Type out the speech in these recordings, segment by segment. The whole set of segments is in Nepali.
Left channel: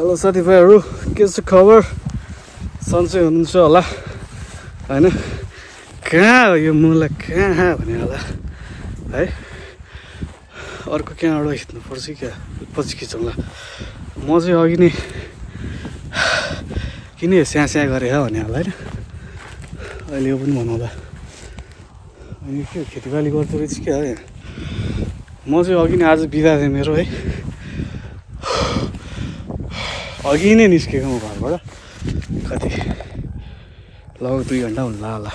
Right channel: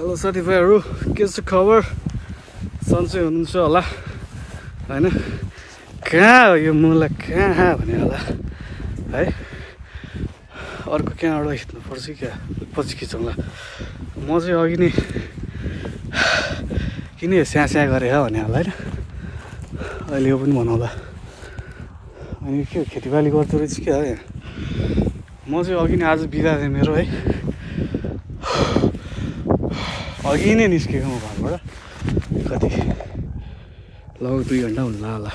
हेलो साथीभाइहरू, के छ खबर? सन्चै हुनुहुन्छ होला हैन? कहाँ हो यो मुला, कहाँ भने होला है? अर्को कहाँबाट खिच्नुपर्छ क्या, पछि खिचौँला। म चाहिँ अघि नै किन स्यास्या गरेँ भने होला होइन, अहिले यो पनि भनौँला। अनि के खेतीबाली गर्दो रहेछ क्या हो यहाँ। म चाहिँ अघि नै आज बिदा थिएँ मेरो है, अघि नै निस्केको म घरबाट। कति लगभग 2 घन्टा हुनु होला।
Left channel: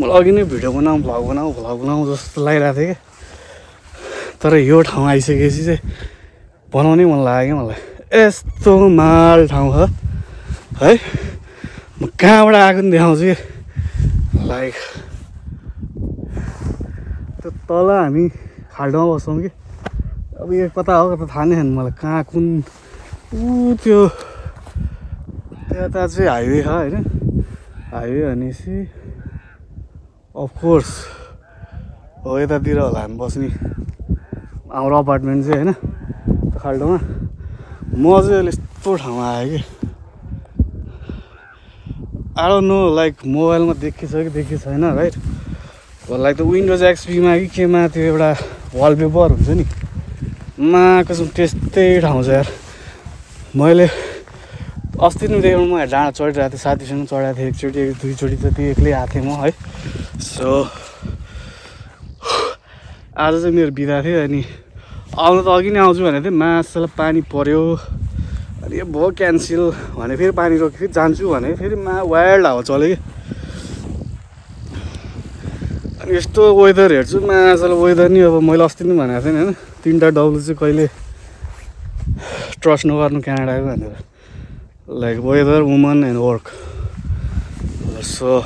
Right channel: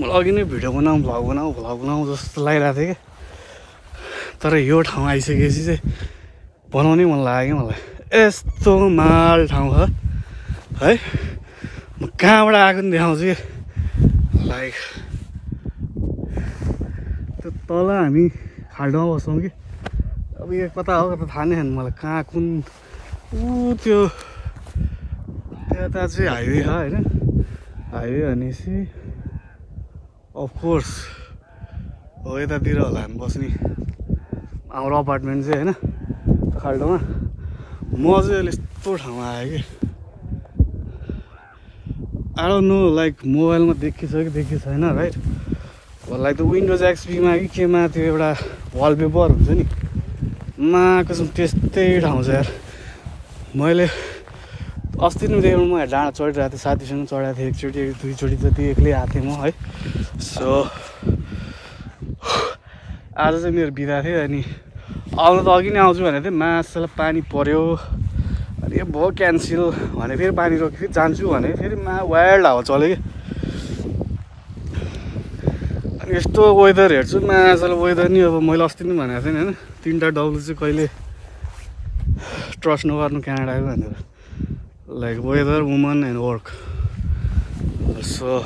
मलाई अघि नै भिडियो बनाऊ भ्लग बनाऊ जस्तो लागिरहेको थियो क्या, तर यो ठाउँ आइसकेपछि चाहिँ बनाउनै मन लाग्यो क्या मलाई। यस्तो माल ठाउँ हो है। म कहाँबाट आएको नि देखाउँछु कि, लाइक त्यो तल हामी खाल्डोमा बस्छौँ कि। अब यो कता हो कता थाहा नै छैन मलाई, कहाँ कुन त्यो त्यता चाहिँ हाइवे छ होइन। हाइवे भनेपछि अफकोर्स हो यतातिर होला हामी बस्ने, हाम्रो अपार्टमेन्ट चाहिँ होइन खाल्डोमा। म चाहिँ अहिले यस्तो ठाउँमा आएँ कि, आई डोन्ट नो लाइक मोबाइलमा देखिन्छ कि देखिएको छैन राइट। लाइक त विन्डोज एक्सपीमा कि केमा त्यो एउटा वालपेपर हुन्छ नि, कसम त्यस्तै ठाउँ छ यार। मैले अस्ति नै देखेर म डाँडा चढिरहेको थिएँ, साथीसँग चढाएको थिएँ एकचोटि 2 चोटि जति एक्लै आएको थिएँ म है। सो आज चाहिँ मेरो बिदा थियो। अनि आउनु त अघि नै आउँछु भनेको थिएँ, मासलाई पानी पऱ्यो। अनि यो भयो क्यान्सल भने फेरि पानी रोक्यो, फेरि जान्छु भने फेरि वाइल्ड हावा चल्यो कि। अनि यस्तो वेदर हेर्छु, मासलाई वेदर नि अब मैले अस्ति नै भनेको थिएँ होइन, 3टा डब्लु चाहिँ कहिले ट्रस्ट नगर्नु क्यानाडाको भनेर, like weather, woman and work. So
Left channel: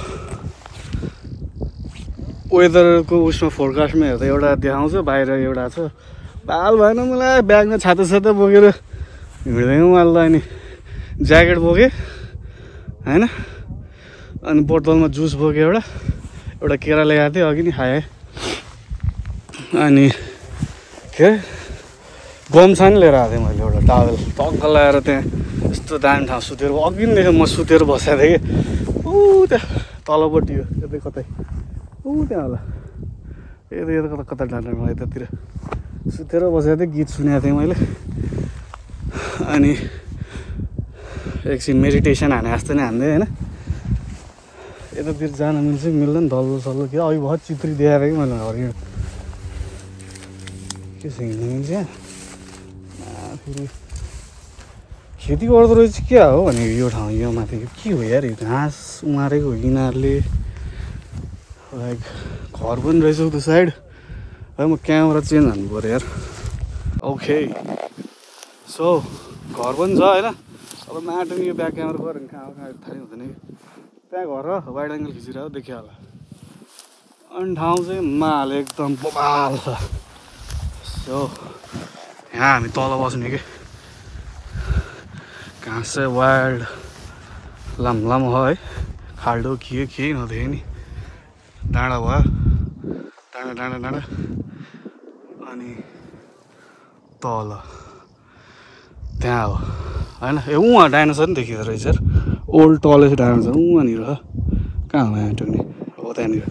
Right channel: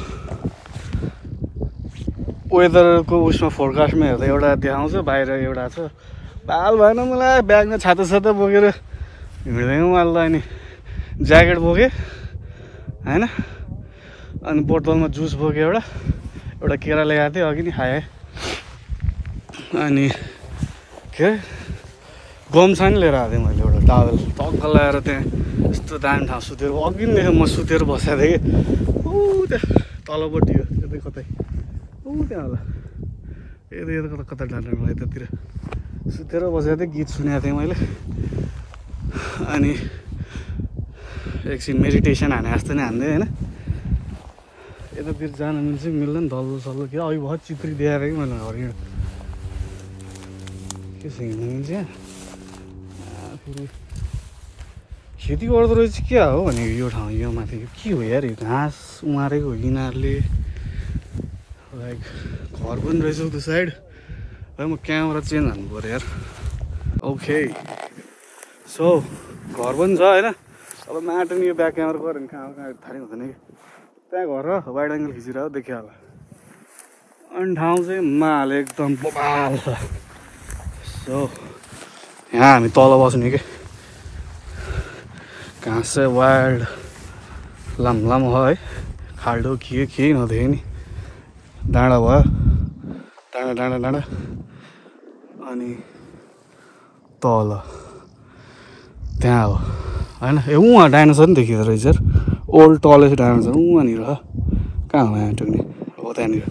वेदरको उसमा फोरकास्टमा हेर्दा एउटा देखाउँछ, बाहिर एउटा छ। बाल भएन मलाई, ब्यागमा छाता बोकेर हिँड्दैन मलाई। अनि ज्याकेट बोकेँ होइन, अनि बोतलमा जुस बोकेँ, एउटा केरा ल्याएको थिएँ अघि नै खाएँ। अनि के गम्छा नि लिएर आएको थिएँ मैले, एउटा टावल टक्क लगाएर। त्यहाँ यस्तो दामी ठाउँ सुतेर, अघि नै देखेँ म सुतेर बसेको थिएँ कि। त्यहाँ तलपट्टि हो यतै कतै, त्यहाँ होला यता कता डाँडामा यतातिर सुतेर बसेको थिएँ, गीत सुनेको थिएँ मैले। अनि एकछिन मेडिटेसन हाने जस्तो नै हान्दै होइन। यतातिर जान मिल्छ कि मिल्दैन, डल्लो सल्लो के अघि बहुत चित्री देखाएर कि मैले घर के छ हिँड्नु मिल्छ यहाँ। फेरि खेती गर्दो रहेछ क्या हो भने यो ठाउँ, यो माथि के हो यार, यो घाँस उमारेको हो यिनीहरूले। लाइक घर पनि रहेछ त्यो साइड है। म क्यामेरा चेन्ज हान्नु पऱ्यो यार। ओके सो घर पनि छ होइन। अब माटो नि यो ब्याक क्यामेरा गऱ्यो भने कहाँ थाहै हुँदैन कि। त्यहाँ घर र वाइड एङ्गल खिचिरहेको देखियो होला। अनि ठाउँ चाहिँ माल एकदम बबाल छ। सो यहाँ हामी तल बस्ने कि, घाँस चाहिँ वाइल्ड लामो हो है। खाल्डो के नदेखेँ नि, डाँडा भयो, डाँडा। अनि तल त्यहाँ हो होइन, उहाँ डाइनोसर नि देखिँदो रहेछ यार। ओल्ड टलेस्ट डाइनोसर उहाँनिर कहाँ हो यहाँ टुक्ने हो त्यहाँनिर।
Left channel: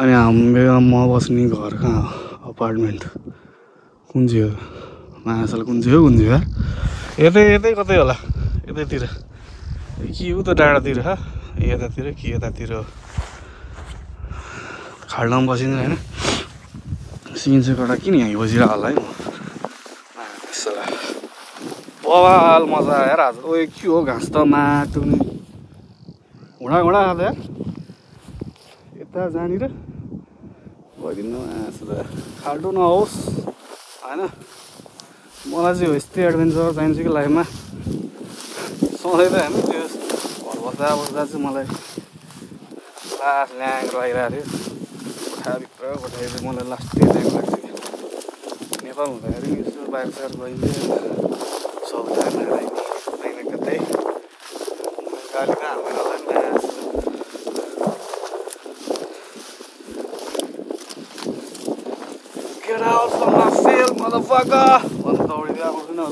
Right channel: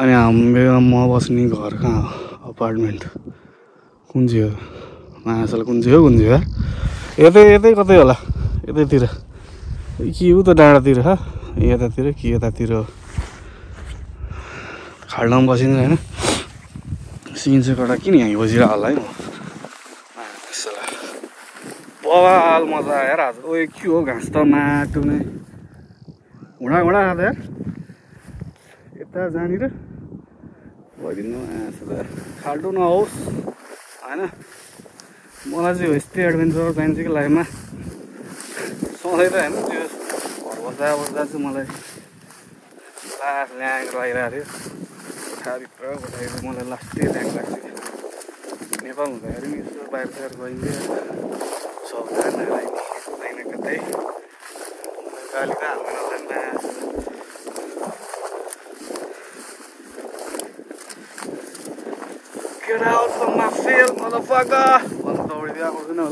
अनि हाम्रो म बस्ने घर कहाँ हो, अपार्टमेन्ट कुन चाहिँ हो, मासल कुन चाहिँ हो यार। यतै कतै होला, यतैतिर के हो त डाँडातिर हो, यतातिर कि यतातिर हो। खाल्डामा बसिन्छ होइन। सिन चाहिँ कटा किन यहाँ बसिरहेको होला है म। बवाल मजा आयो यार आज। ओ के हो घाँस त माटो नै हुँडा खाँदा यार। यता जहाँनिर भइदिनु खाल्डो नहोस् होइन। मलाई चाहिँ यस्तै एडभेन्चर चाहिन्छ कि लाइफमा। सधैँ त होइन त्यो घर बस्दा चाहिँ मलाई लास्ट ल्याङ लागिरहेको थियो छाभित्र बस्दाखेरि। मलाई लास्टै ल्याङ लाग्छ कि नेपाल हुँदाखेरि यसो बाहिर साइड गइन्थ्यो सबजना कहीँ कतै गाली त हाल्नु। Get out from my field, motherfucker! Well, it's already out, you know,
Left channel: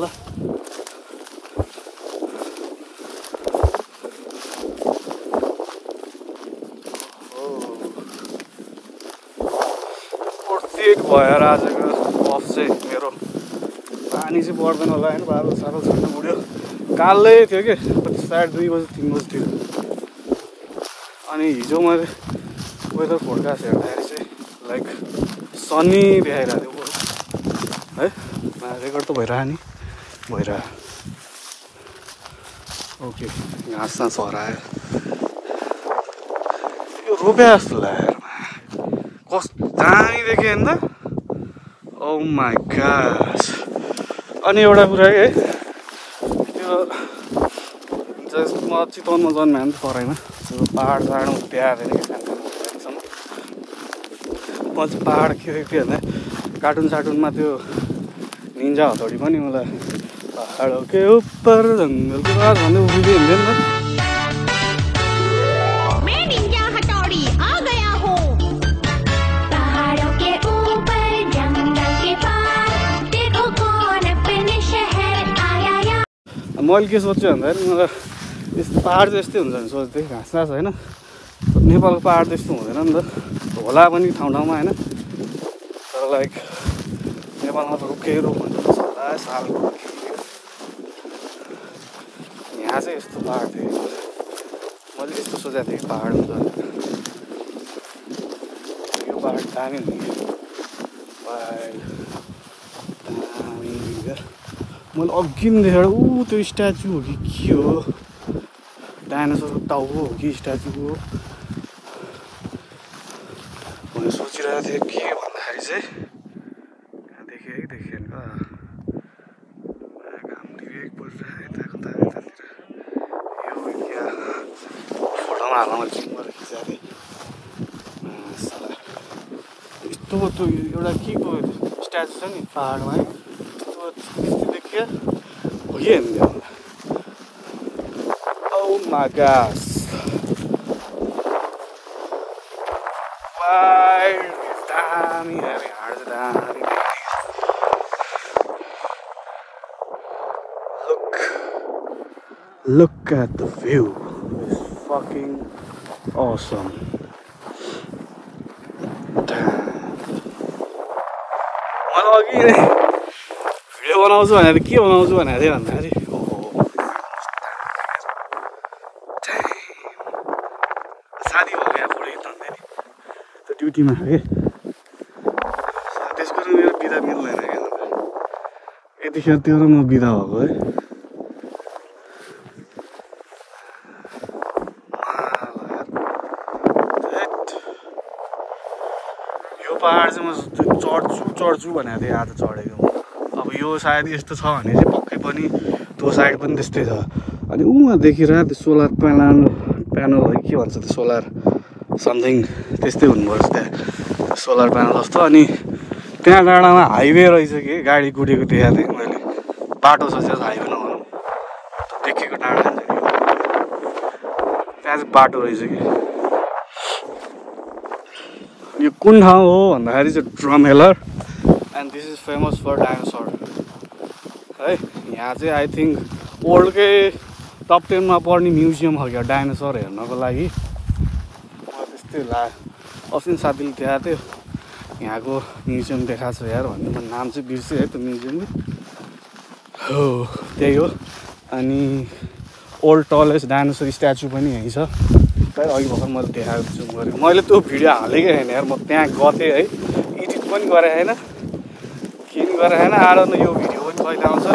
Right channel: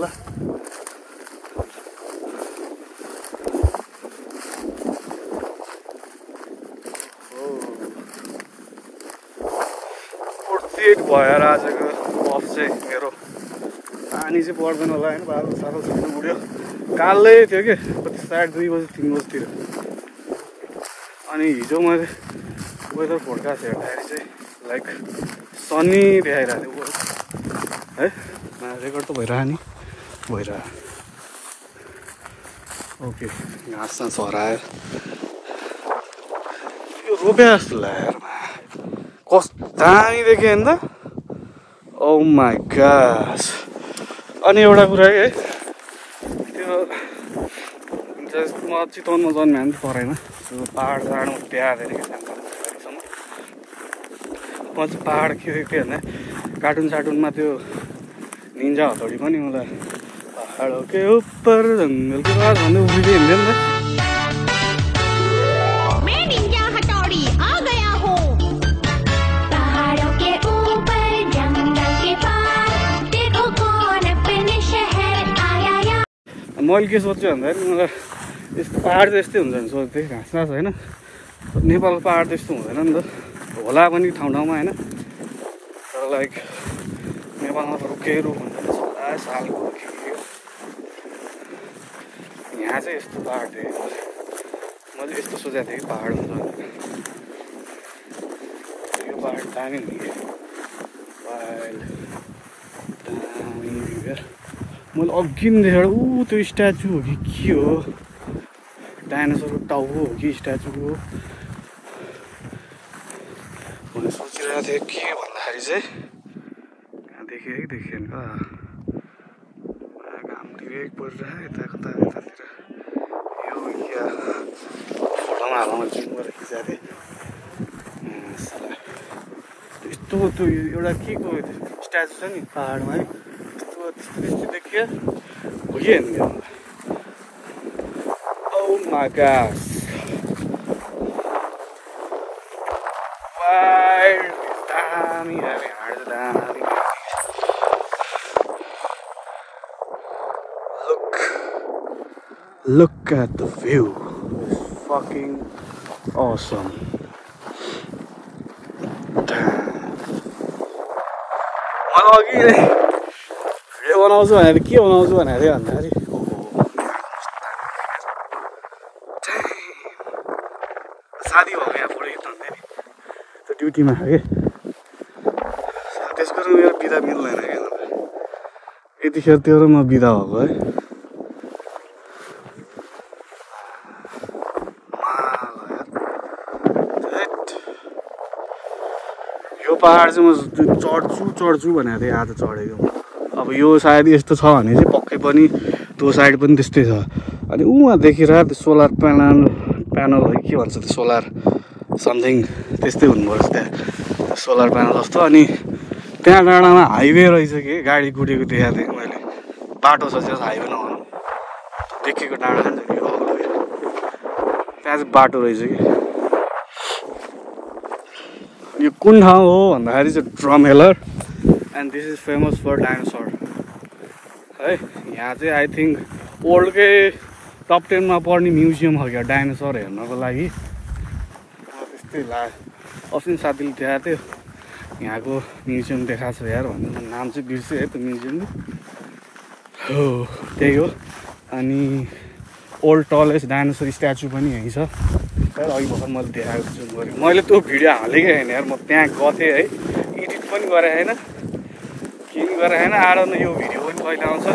एक भएर आजको अफ चाहिँ मेरो पानी चाहिँ पर्दैन होला होइन बाह्र साह्रो सबै उड्यो कालै थियो कि साढे 2 बजी 3 बजीतिर अनि हिजो मैले वेदर फोरकास्ट हेर्दाखेरि चाहिँ लाइक सनी देखाइरहेको थियो है रेकर्ड त भइरह्यो नि भइरह्यो ओके घाँस सास हरायो यो रोपे जस्तो लाग्यो कस्तो दामी देखेँ नि त ओ माई गॉड अनि एउटा कुरा है त्यो म चितवनमा जन्मे पनि परेन पहाड साहाडमा बिहाएर म चाहिँ पहाड के भन्दा कार्टुन सार्टुनमा त्यो निन्जा हतौडी पनि मलाई पहाडों के ऊपर जंगल के पार भन्नु बुझ्दै हुन्थ्यो नि मैले के सोच्छु भन्दाखेरि मलाई यस्तो पहाड चाहिँ यस्तै हुन्छ भने सोच्थेँ घाँस घाँस होइन नेपालको पहाड त्यस्तो हुँदैन नि त होला पनि ठाउँ ठाउँमा होइन तर लाइक नेपालमा त रुखै रुख हुन्छ सालको यहाँ चाहिँ यस्तो पहाड थियो मैले यस्तो सोचेको थिएँ कि पहाड हुन्छ यो पहाड दामी हुने मैले अघि देखेर त्यो स्ट्याचु हो कि के हो डाइनोसरको टाउको हो कि स्ट्याचु हो मैले सोचिरहेको थिएँ के भन्दाखेरि चाहिँ यहाँ देखेँ है देखेँ नि घाम डिरेक्ट परिरहेको यता कता यतातिर यो क्या फोटोमा हाल्न मैले जुम गरेर खिचाएको थिएँ यस्तो त्यो एउटा के को स्ट्याचु छ नि पहाडमा है त्यस्तो देखियो हो कि हेर्नु Oh my gosh. Wild, damn, Look at the view. It's fucking awesome. Damn. Video बनाउँछु भनेर के बनाउँछु भनेर चाहिँ भन्दाखेरि साथी हो यहाँ पढेको त त्यो ड्युटीमा छ कि त्यसको मेरो बिदा मिल्दैन क्या यतिखेर त्यो र म बिदा भएको है यो पहाड चाहिँ म चढ्छु भनेको थिएँ आज चढेको अब यो सायद यस्तो छ भने चाहिँ पक्कै पनि त्यो साइड पनि त्यस्तै छ अनि उहाँ देखिरहेको त्यो सोलर प्यानल है के भन्छ त्यो सोलर समथिङ त्यस्तै हुनुपर्छ त्यहाँ सोलर प्यानल जस्तो अनि त्यहाँ डाँडामा हाइवे रहेछ कि गाडी कुदेको देखाएको थिएँ मैले बाटो छ त्यो हाइवे नभनौँ देखेको डाँडा त्यहाँ चाहिँ बाटो रहेछ कि यो कुन ठाउँ हो भन्दाखेरि चाहिँ Drumheller and this is famous for dinosaur है यहाँ चाहिँ आई थिङ्क वर्ल्डकै टप 10 मा पर्ने म्युजियम हो क्या डाइनोसर हेर्नको लागि त्यस्तै लाग्यो अस्ति साथीले देखाएको थियो यहाँको म्युजियम देखाएको छ यार भन्ने नाम चाहिँ बिर्सेँ है त्यो म्युजियमले हो त्यही हो अनि ओल्ड टलेस्ट डाइनोसर स्ट्याचु पनि यहीँ छ तर अघि भर्खर मैले देखाएको छु मैले त्यो भिडियो हालेकै होइन यार म त्यहाँ गथेँ है एडिट पनि गरेँ होइन के पनि गरेँ होइन आएर न यो भिडियो पनि कहिले आउँछ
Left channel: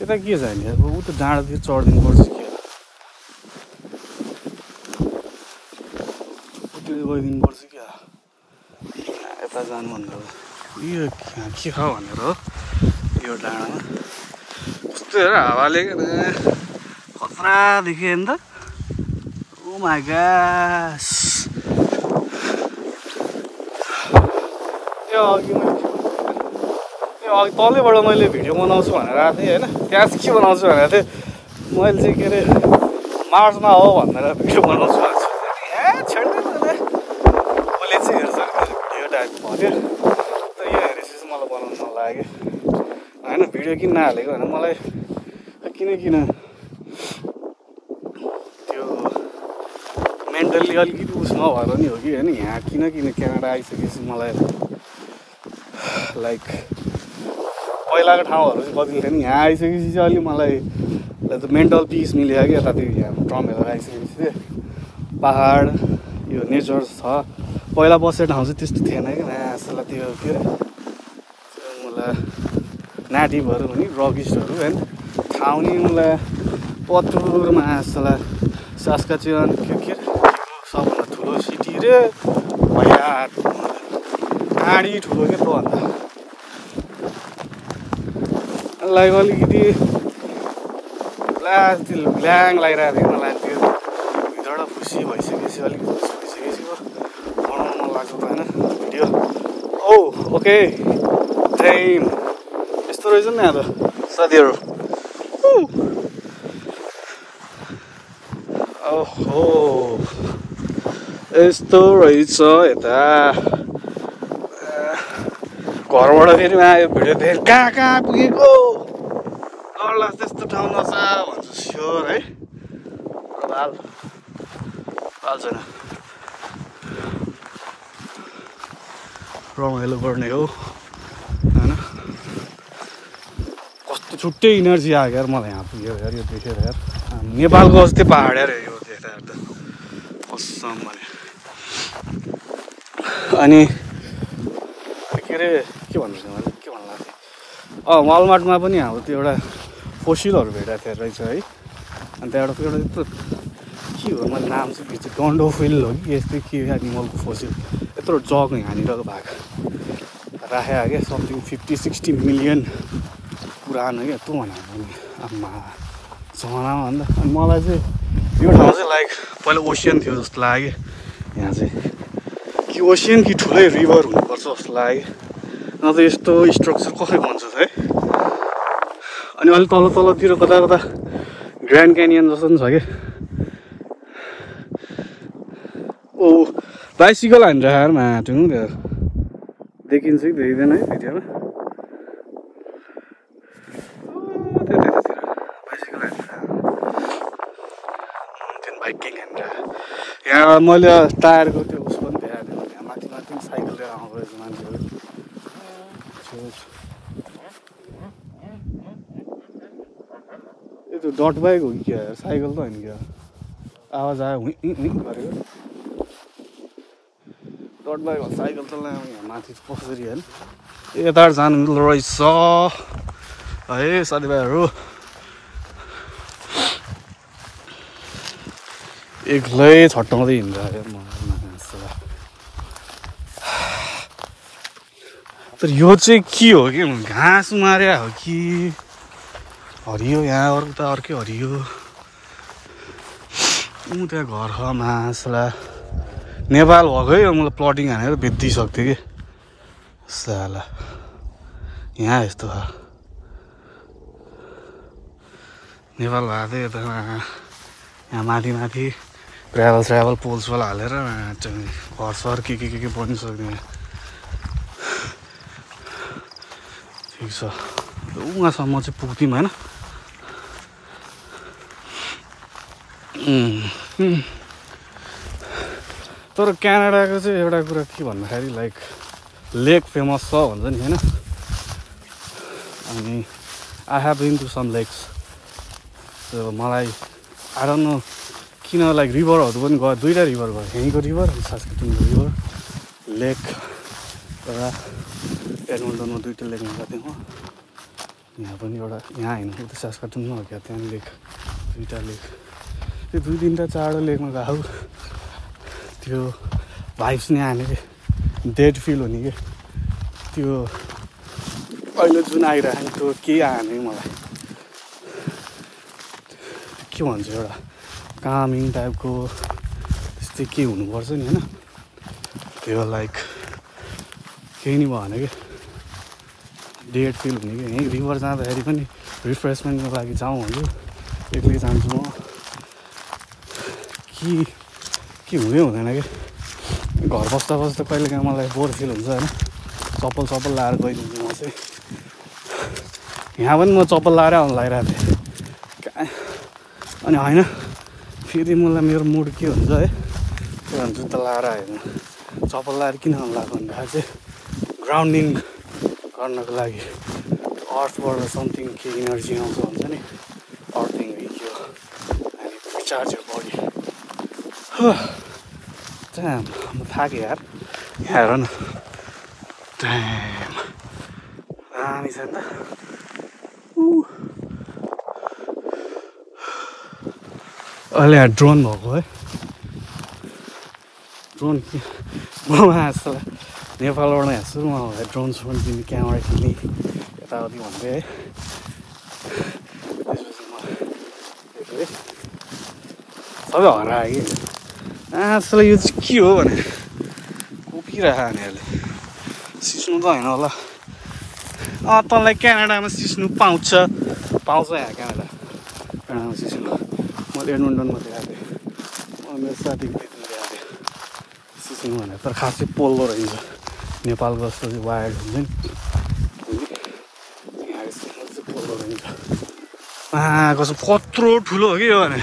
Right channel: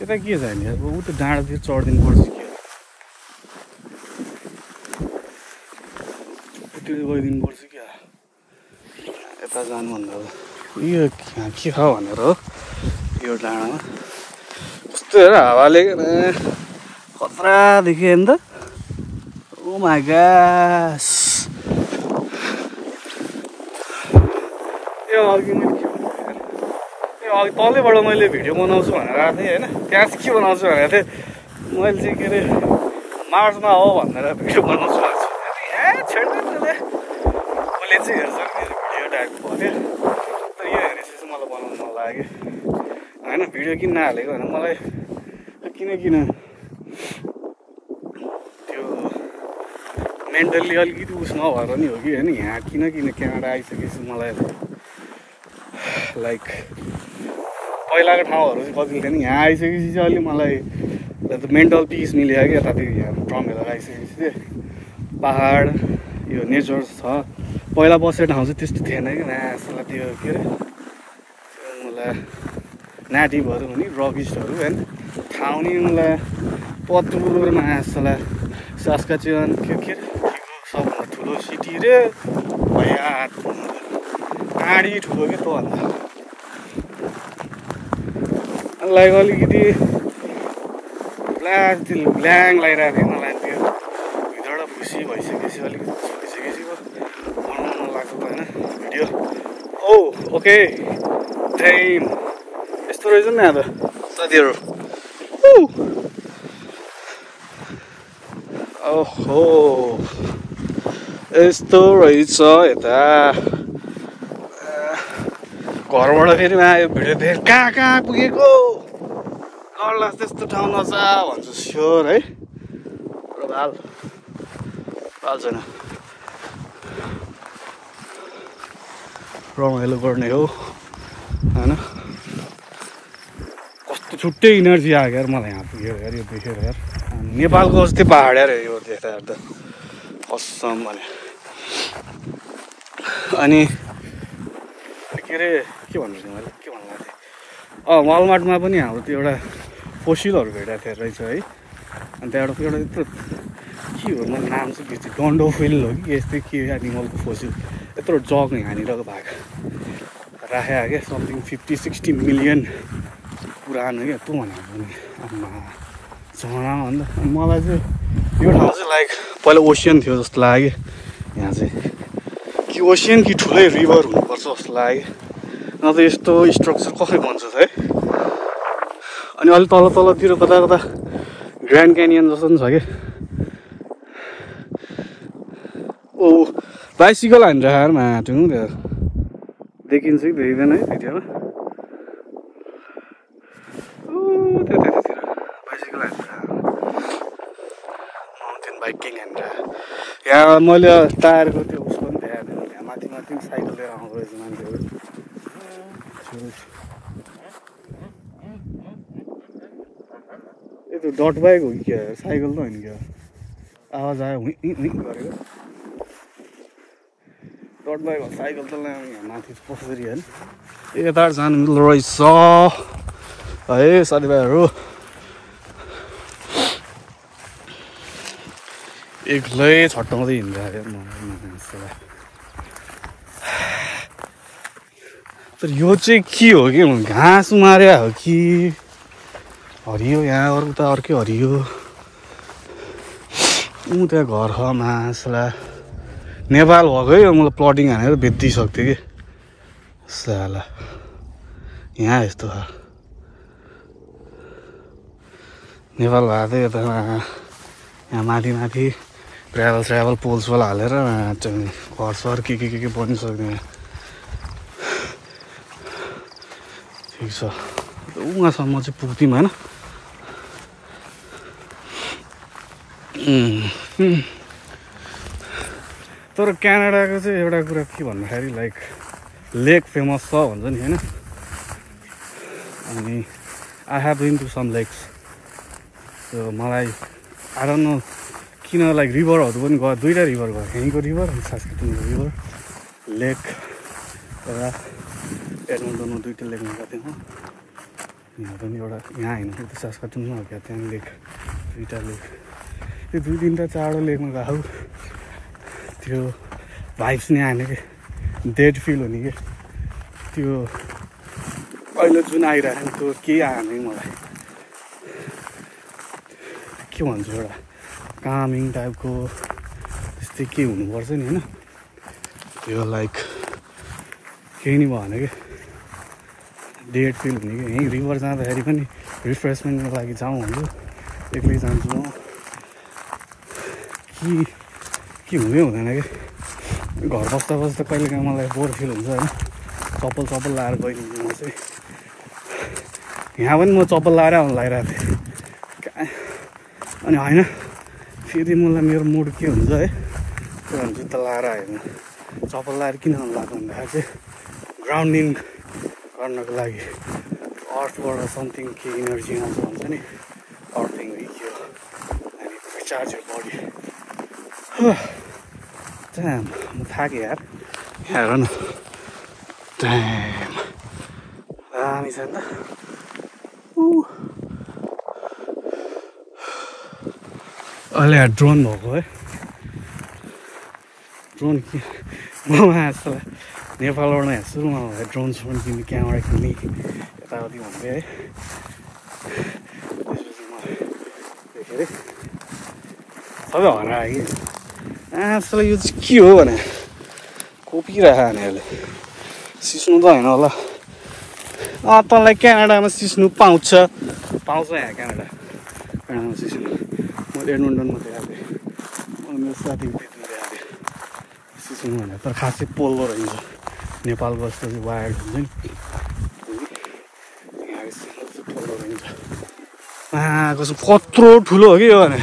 यता के छ नि अब ऊ त डाँडातिर चढिदिनु पर्छ कि उतिर गइदिनु पर्छ क्या यता जानुभन्दा अब यो के छ भनेर हो यो डाँडामा कस्तो हेर हावाले खतरा देखियो नि त ओ माई गॉड अघि तलैबाट मैले भिडियो बनाउँछु भनेर आएको थिएँ होइन, त्यहाँ चाहिँ के बनाउँछु भनेको थिएँ मैले चाहिँ के अरे मार्चमा हो भनेर भिडियो बनाउँछु भनेको छु। मैले चाहिँ हेर्छु भिडियो टाइपको थियो, तर यो हेरेपछि चाहिँ मलाई बनाउनु मन लाग्यो होइन। भिडियो किन नहालेको भने मलाई किन त्यो मेन्टल्ली अलिकति उसमा भएर नि हो कि होइन। यहाँ किन क्यानाडा आइसकेपछि मलाई लाइक पहिलाको ठाउँहरू चाहिँ कति थिएन, यहाँ आइसकेपछि चाहिँ अलिक मलाई मेन्टल पिस मिल्यो कि यतातिर यहाँ ट्रम्पहरू आइसकेपछि चाहिँ पहाड यो नेचर छ। पहिला बसेको ठाउँ चाहिँ त्यस्तो थिएन कि मासुलाई त्यो के अरे मलाई नेटिभहरू हुने रकिस्टहरू होइन ठाउँ नि मलाई पत्रुर मासुलाई सास्काचुन के अरे सबभन्दा ठुलो सिटी रे आँडी ठुलो क्या त्योभन्दा लाइक अलिकति ल्याङ लागिरहेको थियो मलाई। त्यो भित्रबाट खुसी भइसकेपछि अलिकति भइसकेपछि बनाउनु मन लाग्छ त होइन भिडियो। ओ ओके टाइम यस्तो रहेछ नि यहाँ त साथीहरू। ओहो यस्तो रहेछ यता घरबाट फेरि आयो भिडियो देखेर कहाँ पुगेको ल त्यस्तो ठाउँ नचा भन्छु स्योर है। छैन रमाइलो गर्ने हो होइन। कस्तो छुट्टै इनर्जी आयो यार मलाई यहाँ पुगेर यार यो देखेर यार। नेपालको जस्तै पहाड यार यो देखेर त असम भने। अनि के अरे के भन्नु लाग्यो वालमार्टमा पनि हाम्रो त्यो एउटा फोसिलहरू भेटाएको थियो रहेछ है। अनि त्यहाँबाट एउटा यत्रो के हो मैले नाम चाहिँ बिर्छु डन्डोफिल हो कि यस्तै के एनिमलको फोसिल यत्रो जग यहाँनिर भएको राखेको क्या समथिङ 50-60 मिलियन पुरानो क्या तँ भनेको आम्मा जमानामा अन्त मलाई चाहिँ यो ठाउँ चाहिँ लाइक पहिला ओसियन थियो जस्तो लाग्यो यहाँ चाहिँ कि ओसियन कि ठुलै रिभर हुनुपर्छ जस्तो लाग्यो। अन्त यस्तो स्ट्रक्चर कसरी बन्छ है। अनि अलिक तलतिर कता ग्रान्ड क्यानियन जस्तो पनि छ कि। ओ बाइसिकल हानिरहेको माटो देखिन्छ कि देखिँदैन है भिडियोमा। त्यतातिर बाइसिकल हानिरहेको माउन्टेन बाइकिङ हानिरहेको। यहाँ मैले टायरको त्यो उस पनि देखाएको थिएँ माथि साइकल लिएर आउनु रहेछ मान्छेहरू। त्यो डट बाइक हो कि क्या साइकल त होइन क्या आवाज आयो गरेको डट बाइक हो साइकल त यहाँ माथि कसरी होइन यताबाट जानु रहेछ है साथीभाइहरू। एक्लै छट्टाउँदै हिँड्छ तर यो चाहिँ के हो कि घाँस मार्या हो कि हरियो यहाँ उता अर्कै हरियो त्यहाँ घर छ मासला नेपाल भएको है मलाई प्लटिङ हानेर बेचिदिइसक्थ्यो कि साला यहाँ यस्तो छ नेपाल भएको थियो यता यहाँ माथि ट्राभल पोल्सवाला हालेर घर सर के बनिसक्ने ठिक छ उहाँसम्म चाहिँ पुग्थ्यौँ होइन। तर क्यानाडाको चाहिँ एउटा कुरा के भन्दाखेरि लाइक लेक फेमस छ भन्छ नि होइन। अनि I have been to some lakes मलाई आई डोन्ट नो किन लाइक रिभरहरू पनि गयो दुईवटा रिभर गयो यहीँको रिभर अनि सास्काटुनको रिभर लेक एउटा एडमन्टनमा दुईवटा लेक गएको थिएँ यहाँ पनि एउटा यहाँ होइन त्यो सास्काटुनमा हो क्या त्यहाँ लेक दुईवटा लेक त्यो 2-3 4 लेकमा गएको त्यो भाइब्स नै आने कि डेड फिल हुने कि त्यो अहिले जुन आइरहेको त्यो केही आएन मलाई के भन्छ एउटा कामिङ टाइपको त्यस्तै के हुनुपर्छ नि होइन। त्यो लाइक केही नि भएन कि डेड फिल हुने कि यहीँ रिभर जाँदाखेरि पनि रिफ्रेसमेन्टको लागि जाउँ भन्छु एक्लै जान्छु म के हुँदै हुँदैन कि घर बस्दा बस्दा कहिलेकाहीँ मलाई बोर फिल हुन्छ होइन चप्पल लाएर गइदिन्छु म चाहिँ यहाँ पनि म चप्पल लाएर आउनु लगाइरहेको थिएँ अनि होइन फेरि मलाई मेरो मुड के हुन्छ है त्यो भने जुत्ता लाएर आयो चप्पल लाएर किन आउनु लाग्यो भन्दाखेरि चाहिँ ग्राउन्डिङ गर्नको लागि अर्थबाट समथिङ के इनर्जी आउँछ भन्छ नि अर्थिङ हो कि रिचार्ज हो बडी त्यहाँ म थाकेँ यार हेर न दामी छ नि त अहिले यहाँ ड्रोन भएको है ड्रोन म जस्तो नेपालबाट यहाँ सुरुमा आउँदा ड्रोन स्रोन किन्ने क्यामेरा किन्ने यताउति हुन्थ्यो है सबै हरायो कि आजकल यो चाहिँ के हो भने कोपिरहेको नानीहरूले सिस्नु त होइन होला तँलाई क्यानाडामा सिस्नु पाउँछ यहाँ क्यानाडामा सिस्नु म एडमन्टनमा दिएको थिएँ मेरो साथीले दिइरहेको थिएँ सिस्नु भनेर तर खासै पोल्दो रहेछ नेपालको जस्तो चाहिँ वायर्ड हुन्छ नि कस्तो कत्रो ठुलो हो कि यो भने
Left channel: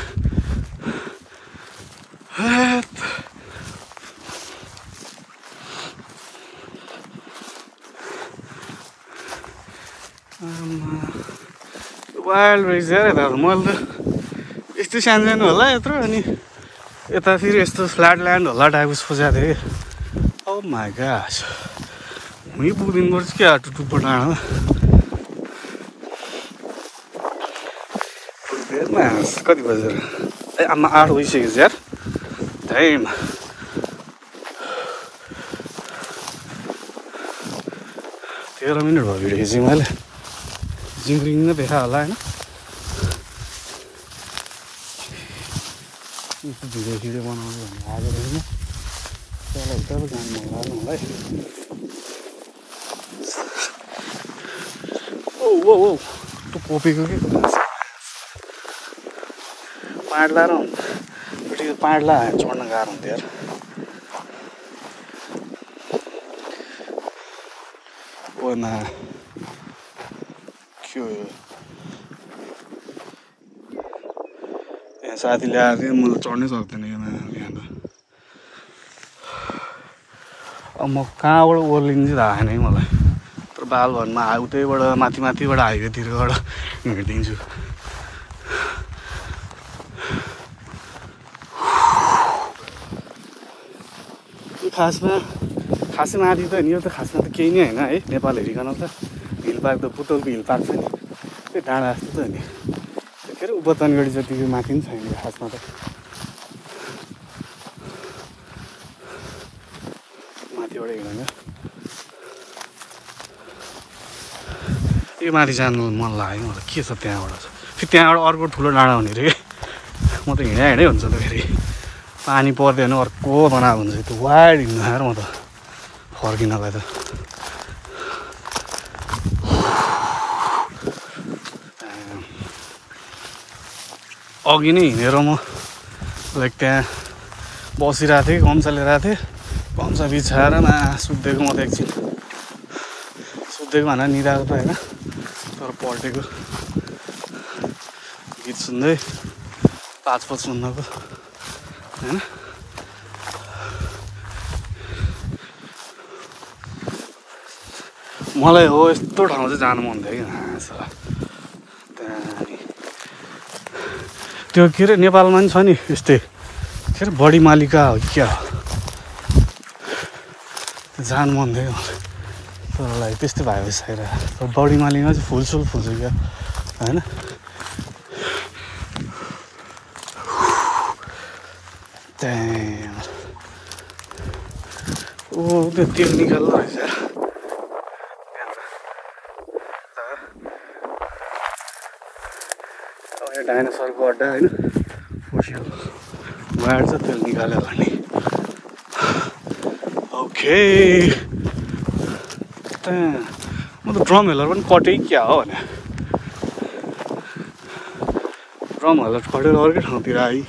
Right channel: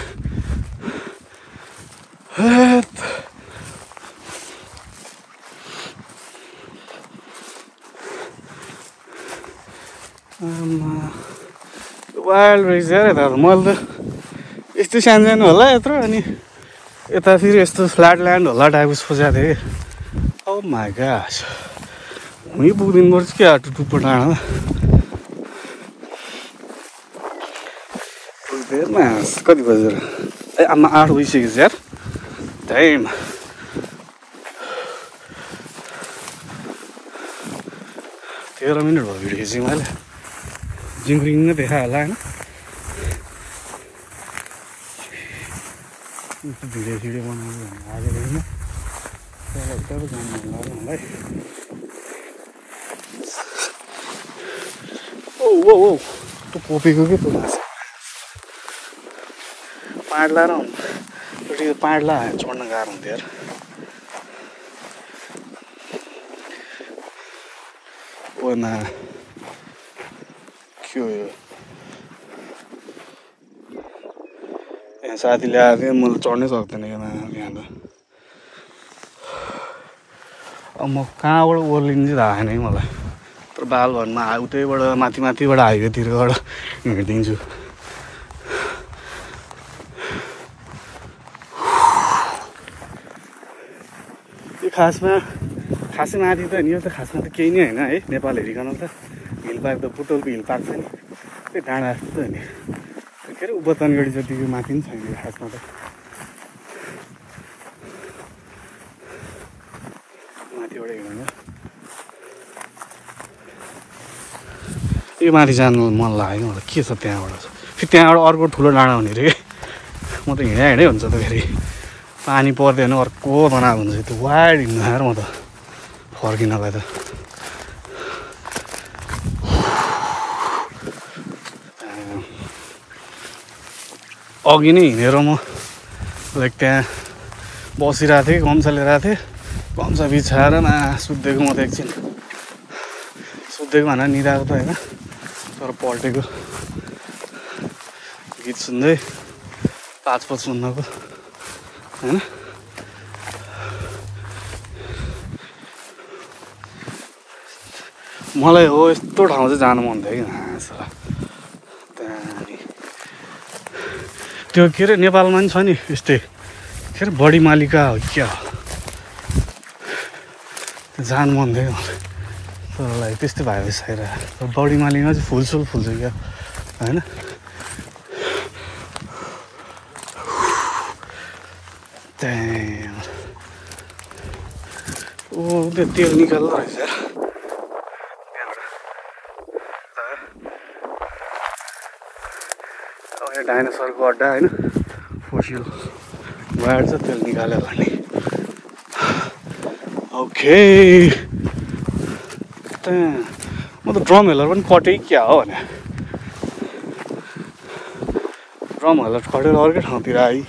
वाइल्ड रहेछ यार यता मैले त यस्तो सानो होला यत्रो अनि यता फेरि यस्तो फ्ल्याट ल्यान्ड होला टाइपको सोचेको थिएँ ओ माई गॉड हुँ पुग्दिनु पर्छ क्या टुप्पो डाँडा कति बजेर ए आमा 8 बजिसकेको छ यार टाइम 13 मिनट भयो भिडियो खिचेँ मैले जिम्रिङ नै देखा होला होइन भिडियो बनाउनु भन्ने आएको छैन त्यसलाई एकदमै जानु मन लाग्यो मलाई ओ त्यो कोपीको के त्यो पाँड लाएर पाँड लाएर चढ्न गाह्रो हुन्थ्यो यार ओमा के हो यो यहाँ साथीले आएको थिएँ मैले चढ्नै सक्दैन यहाँ त अब म कहाँबाट ओर्लिनु चाहिँ थाहा छैन कि मलाई तर बालभनमा उतैबाट माथिबाट हाइवेतिरबाट हिँडिदिन्छु त्यो खासै माथि त नि यो त खासमा त केही नै होइन है नेपाल हेरिकन त हिल पार्क त पुतलको हिल पार्क छ नि त्यो डाँडा जस्तो त नि के अरे उपतनगढी जतिको माथि पनि छैन खासमा त माथिबाट हिँड्नु यो माथि जानु मन लाग्यो मलाई के छ त्यहाँबाट फेरि त्यहाँबाट अर्को ठुलो डाँडा हुने अरे म त हिँडै हुन्छ त फेरि पानी पर्दैन अर्को बनाएको हुन्छ त्यो वाइड हिँड्नु आएर म त फर्किनलाई त अघि नै हिँडेर म लाइक त्यहाँ बसिरहेको थिएँ गम्छा लिएर थिएँ गम्छा बिछाएर सुत्दिएको म त एकछिन सुत्दिएको भनेर निदाएको त होइन तर पल्टेको गीत सुन्दै 5:55 होइन मलाई हो यस्तो ठाउँ चाहिँ जानु मन थियो कि त्यो के अरे नेपालमा पनि छ नि यस्तै के अरे बडी मालिका हो क्या जानु मन थियो तर त्यस्तै भयो छैन बडी मालिका चाहिँ फुल्छ क्या होइन ओ त्यो तेल निकाल्दो रहेछ डाइनोसरको अड्डा होइन फोसिल वायर चाहिँ तेल निकाल्यो भने ओके म त ड्रम हेलर पनि कटै क्या हो भने ड्रम हेलर कटेर अर्कै ठाउँतिर आयो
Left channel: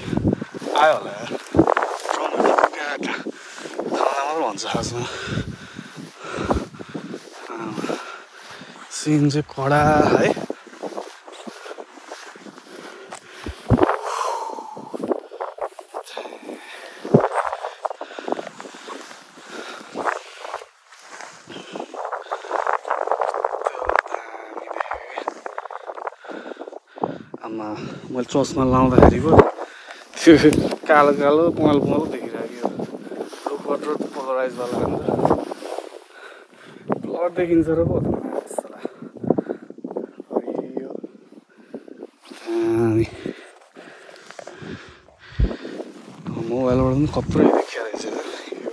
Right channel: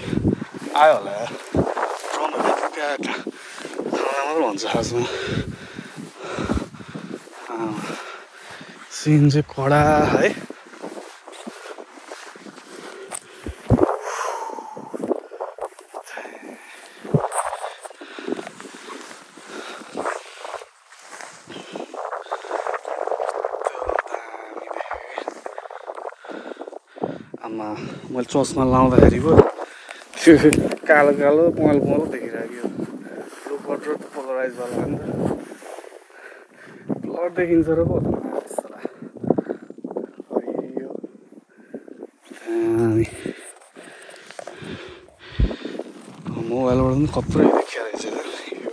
होला यार ड्रम हेलर क्या मात्र भन्छ खासमा सिन चाहिँ कडा है आमा मैले चस्मा लाउँदाखेरिको त्यो कालो कालो पँल पँल देखिरहेको कत्रो पोलराइज वाला कलर देखिन्छ र पो मोबाइलबाट पनि कत्रो देखिया रहेछ यो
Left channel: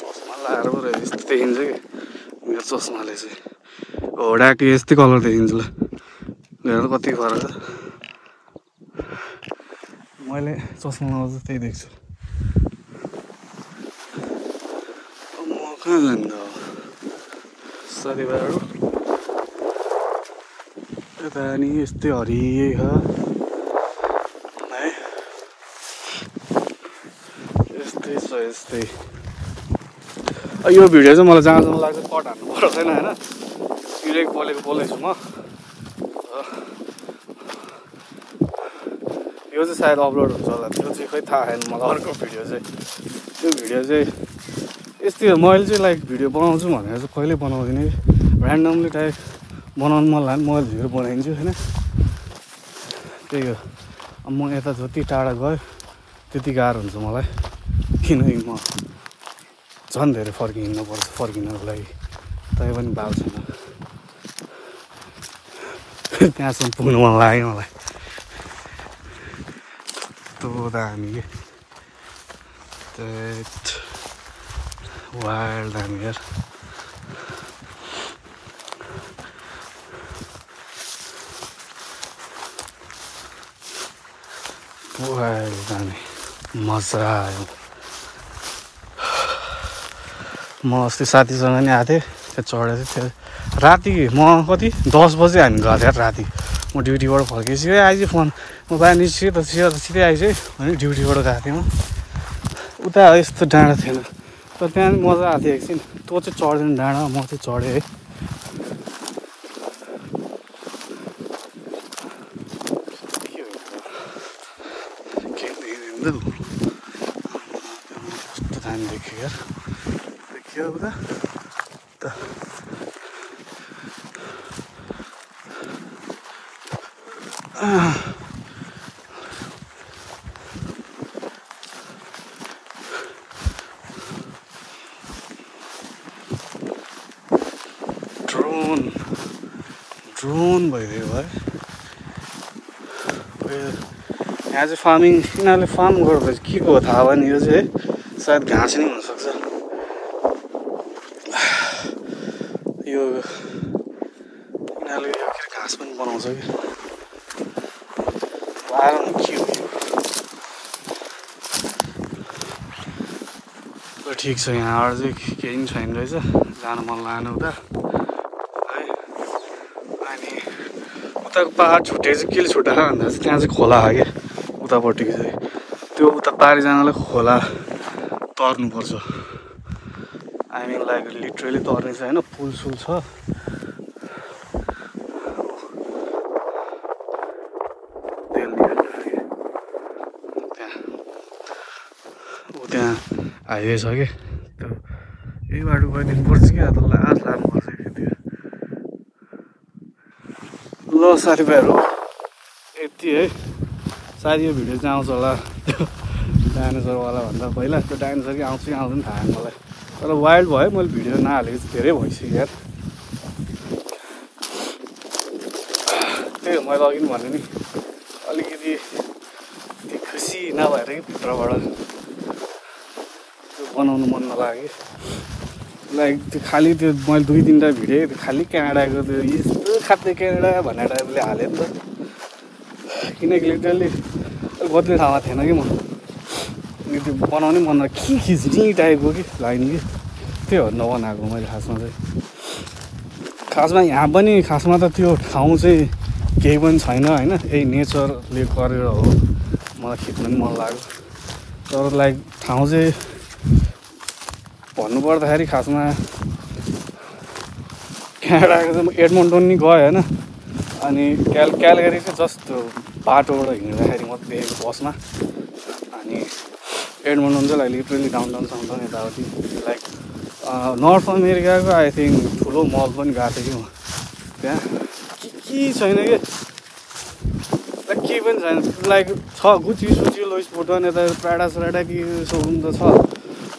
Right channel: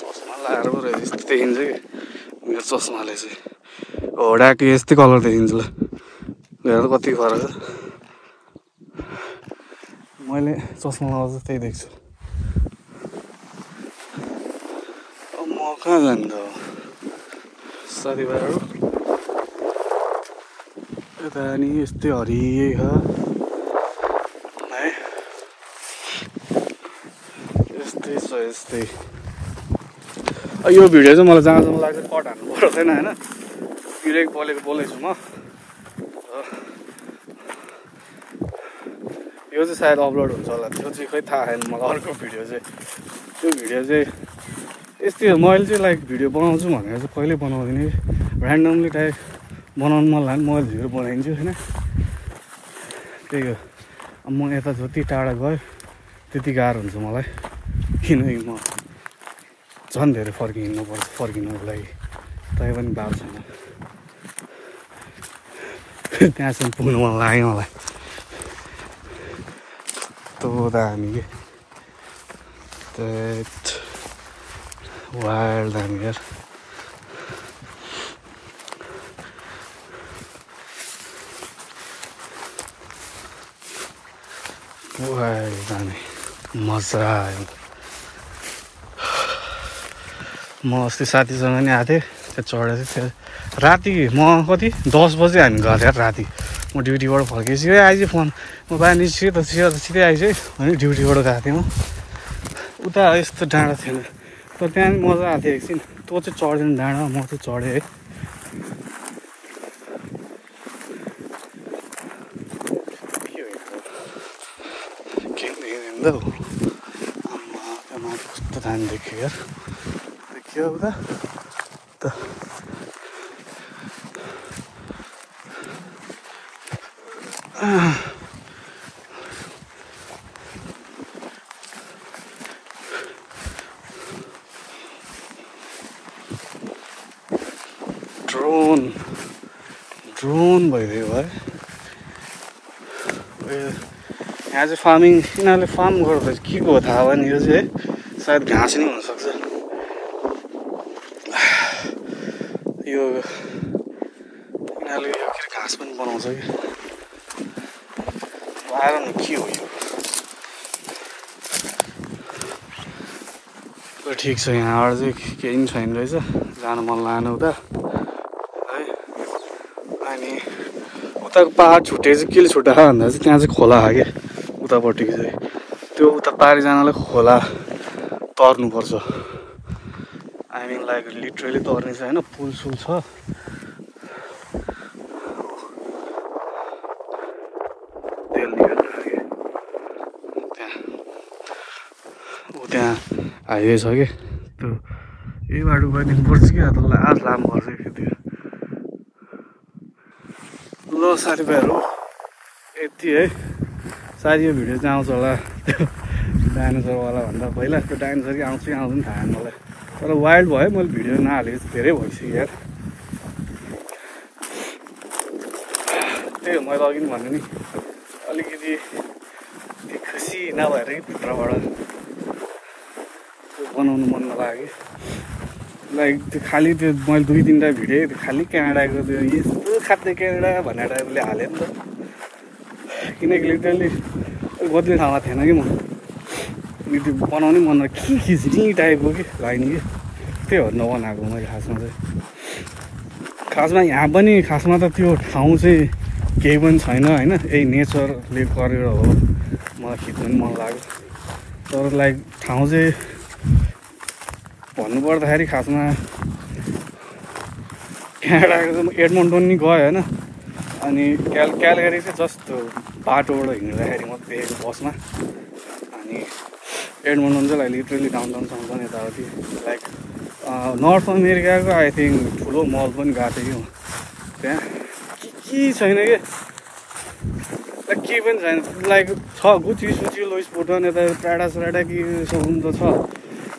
चस्मा लाएर पो रहेछ यस्तो देखिन्छ कि मेरो चस्माले चाहिँ होडाको यस्तै कलर देखिन्छ ल हेर्दा कति फरक छ मैले चस्मा लाउँदा त्यही देख्छु म कहाँ जानु त साथीभाइहरू यता नि यस्तै हरियै छ है यस्तै छ यस्तै यो भिडियो चाहिँ मलाई जहाँसम्म लाग्छ कट हान्नु पर्दैन होइन स्पिडै बोलेको छु म यो चाहिँ सायद अपलोड हुन्छ होला त्यो चाहिँ खै थाहा छैन मलाई अर्को भिडियो चाहिँ त्यो भिडियो चाहिँ यस्तै हो मैले चाहिँ लाइक भिडियो बनाउँछु भनेर चाहिँ कहिल्यै बनाउँदिनँ कि ऱ्यान्डमली टाइप बनाउनु मन लाग्यो मोबाइल भिडियो बनाइदिन्छु होइन त्यही हो अब म यता जति टाढा गयो त्यति गाह्रो हुन्छ मलाई किनकि म झन् धेरै फर्किनुको लागि तै पनि भएको छैन त्यहाँसम्म पुग्नु मन लाग्यो मलाई तो दामी के that wild दामी यार wild दामी मजा आयो म अस्ति साथीसँग नि आएको थिएँ त्यो चढेको थिएँ राति म कति 10 बजे हामी गएको थियौँ राति म ड्युटीबाट फर्केपछि आइज फोन म बाहिर निस्केँ त सिधै आइज है अनि ड्युटीबाट गएको थिएँ म उता यस्तो डाँडा थिएन तर त्यहाँ मजा आएको थियो एकछिन तँ चाहिँ चढ्दैन डाँडा म चाहिँ चढेँ है के देखिँदैन कस्तो दामी देखियो यार देखियो उता ड्रोन भइदियो है यहाँ चाहिँ फार्मिङ यिनीहरूले फार्म गर्दा के को थाहा भयो नि यो चाहिँ है सायद घाँस नै हुनसक्छ यो यिनीहरूले यो के घाँस पनि बनाउँछ कि आएर न के हो यो ठिक छ यहाँबाट चाहिँ केही पनि छैन रहेछ जान मन लागेन उता है अनि उताको पहाड छुट्टे चाहिँ केले छुट्टा भन्दा चाहिँ त्यहाँ चाहिँ खोला छ क्या उतापट्टि चाहिँ त्यो उता पारि जानलाई खोला तर्नुपर्छ आई मिन लाइक लिटरली तर्ने चाहिँ होइन पुल सुल छ त्यहाँ हाइवे छ कि त्यो यही बाटो गइदिनुपर्छ कि त लास्ट लानुपर्छ कि त्यो ल साथीभाइहरू यति है सायद यो भिडियो चाहिँ आउँछ होला त्यो डाइनोसरवाला भन्दा पहिला त्यो डाइनोसर कि आउँछ कि आउँदैन थाहा छैन मलाई तर वाइल्ड भयो मैले भिडियो नहालेको चाहिँ धेरै भइसक्यो यार त्यही हो मैले अघि पनि भने नि अलिकति त्यो खुसी नभएर कि भित्रबाट बनाउनु मन नलाग्यो लाइक त्यो खालि त्यो मैले 2-3टा भिडियो त्यो खालि क्यानाडाको त्यो यस्तो खाँदै क्यानाडा भन्ने टाइपले हालेँ नि त किनकि लिटरली बद्ने ठाउँमा थिएन कि म त्यो बनाउनै मन के खिच्ने टाइपको कि लाइन कि त्यही हो नबनाएको मैले खासमा चाहिँ खासमा यहाँ पनि खासमा त त्यो ठाउँ चाहिँ केही पनि छैन होइन, यही नेचरले गरेर हो मलाई खिच्नु पनि मन लाग्यो। तर लाइक ठाउँ चाहिँ भन्नुपर्दाखेरि खासमा क्यानाडाको चाहिँ एडमन्टन नि गयो होइन, अनि क्यालगरी चाहिँ जस्ट बाटोबाट हिँड्दाखेरि मात्रै देखेको बसमा। अनि एडमन्टन चाहिँ लाइक लिटरली डाउनटाउनसम्म यताउति लाइक नर्थ अमेरिकाको आई थिङ्क ठुलो मल पनि गएको थियो कि त्यहाँ के छैन कि लाइक केही पनि छैन। लाइक छ गुची सुची लोइस भुटन यता प्राडा स्राडा के सोरुम त छ,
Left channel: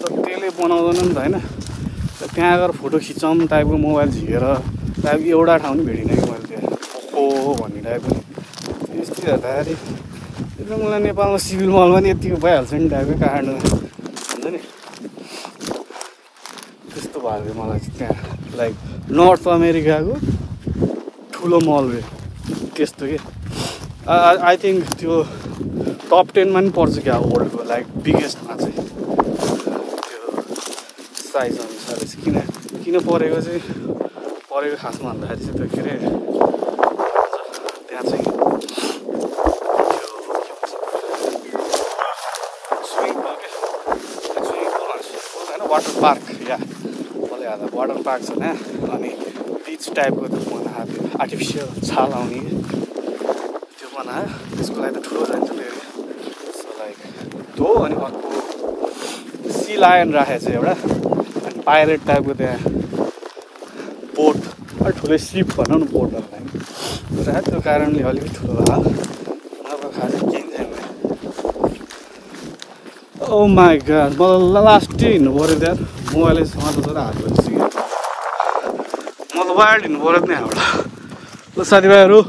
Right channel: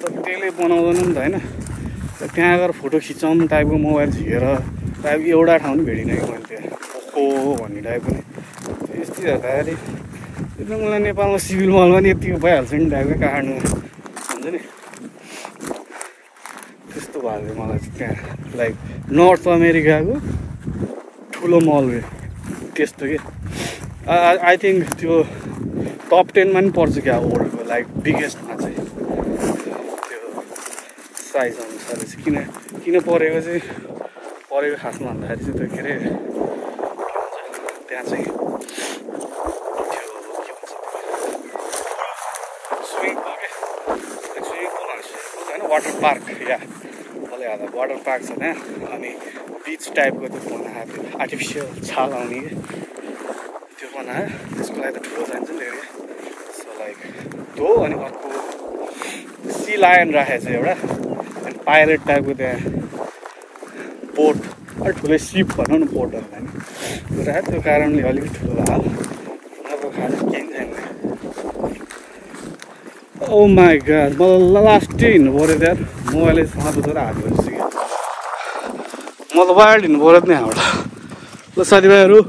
तर त्यसले बनाउँदैन नि त होइन। त्यहाँ गएर फोटो खिचौँ टाइपको मोबाइल झिकेर टाइप एउटा ठाउँ पनि भेटिनँ कि मैले त्यहाँ कस्तो भन्ने टाइपको। यस्तो हेर्दाखेरि एकदम मलाई नेपालमा सिभिल मलमा नि यतिको भइहाल्छ नि टाइपको काठमाडौँ हुन्छ नि, त्यस्तो भएको मलाई चाहिँ त्यहाँ लाइक नर्थ अमेरिकाको ठुलो मल रे त्यस्तो कि। आई थिङ्क त्यो टप 10मा पनि पर्छ क्या वर्ल्डको लाइक बिगेस्टमा चाहिँ त्यो साइज अनुसारले चाहिँ। किन परेको चाहिँ परेको खासमा भन्दाखेरि चाहिँ त्यो के अरे त्यहाँ चाहिँ स्विमिङ पुल के स्विमिङ पुल होइन वाटर पार्क या मलाई याद वाटर पार्क छ त्यहाँ। अनि बिच टाइपको त्यो बनाएको त्यो आर्टिफिसियल छाल आउने कि त्यो बनायो, त्यसको लागि त ठुलो जान्छ नि एरिया। सो लाइक त्यो अनि अर्को सी लायन राखेको छ एउटा, अनि पाइरेट टाइपको त्यहाँ बोट अलिक ठुलो सिप भनौँ न बोटहरूलाई नि राखेको, त्यो कारणले अलिकति ठुलो भयो। अब खाने केही छैन। ओ माई गॉड मलाई लास्टै हिँड्नु पऱ्यो त्यहाँ मोबाइल समातेर हातमा म त वायर्ड हिँड्नु पऱ्यो नि यहाँबाट। ल साथीभाइहरू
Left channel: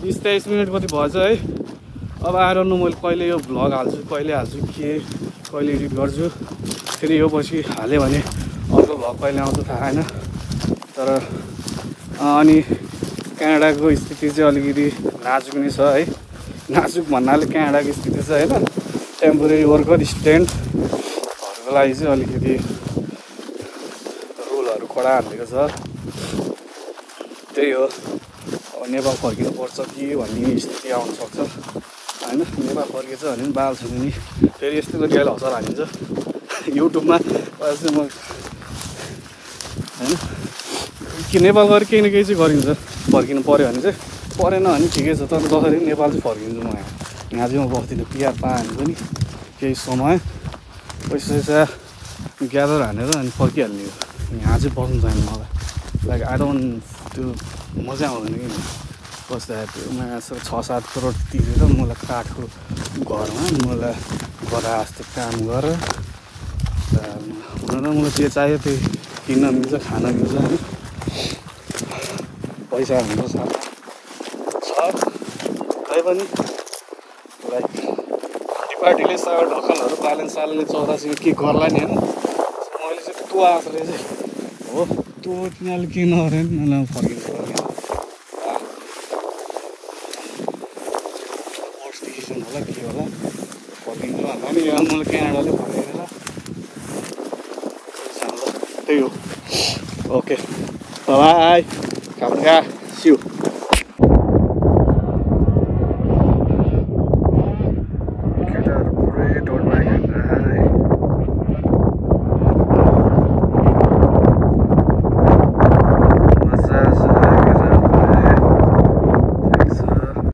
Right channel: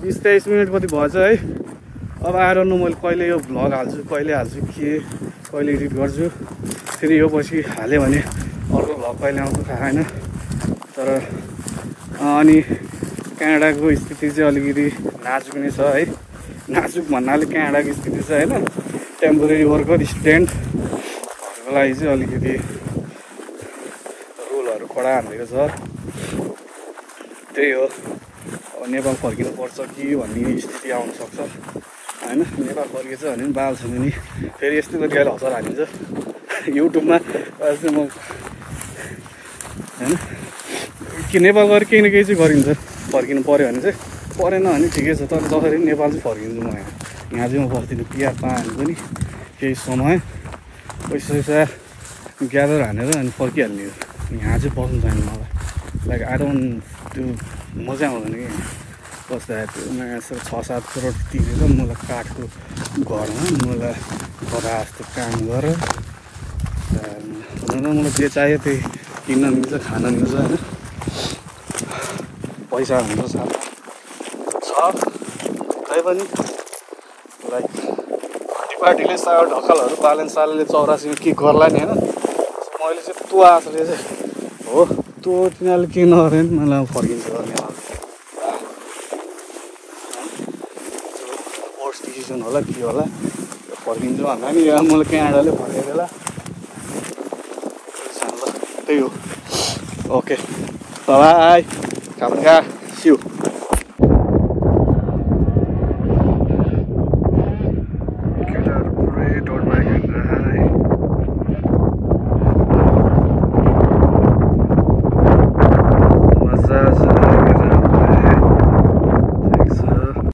20-23 मिनट कति भएछ है। अब आएर न मैले कहिले यो भ्लग हाल्छु कहिले हाल्छु के कहिले एडिट गर्छु, फेरि यो पछि हाल्यो भने अर्को भ्लग कहिले आउँछ थाहा छैन। तर अनि क्यानाडाको स्थिति चाहिँ अलिकति नाजुक नै छ है। नाजुक भन्नाले क्यानाडाको स्थिति चाहिँ होइन टेम्पोरेरी वर्कर स्टुडेन्टहरूको लागि चाहिँ अलिकति रुलहरू कडा हालेको छ। त्यही हो अब नेपाल फर्किनुपर्छ कि भन्ने स्थिति आउन सक्छ होइन। नेपाल फर्किएछ भने पनि बाल छ भने फेरि यस्तो गरी अहिले हतार हालिन्छ युट्युबमा चाहिँ म होइन कि नेपाल गएर केही न केही चाहिँ गरिन्छ। फर्किनु पऱ्यो भने चाहिँ परेन भने ठिकै छ, तर जसरी पनि नेपाल चाहिँ फर्किन्छु म। यहाँ चाहिँ म बस्दिनँ पिआर पाएँ पनि केही समय पैसा ग्यादर हानेर अनि फर्किहाल्ने हो। यहाँ चाहिँ बस्नु छैन मलाई लाइक आई डोन्ट त्यो मजा आउँदैन कि बस्दाखेरि। नयाँ 6-7 करोड तिरेर मलाई काठको घरमा मलाई गरा जस्तो काम गरेर हुन त मलाई जे चाहियो त्यही किन्न मिल्छ खान मिल्छ होइन। पैसा हुन्छ साथ छ तैपनि लाइक पार्टीले सागर ढकालहरू बालेन सालले 84मा के गर्ला नि होइन। मैले चाहिँ त्यो आशले चाहिँ हो त्यो तिनीहरूले के नगरे नि मलाई फर्किन्छ गर्ने वर्स्ट डिसिजन होला के होला फर्किन्छु भन्दा नि मलाई क्यानाडाले फर्केर त्यही हो। ओके बाई खाजा सिउ।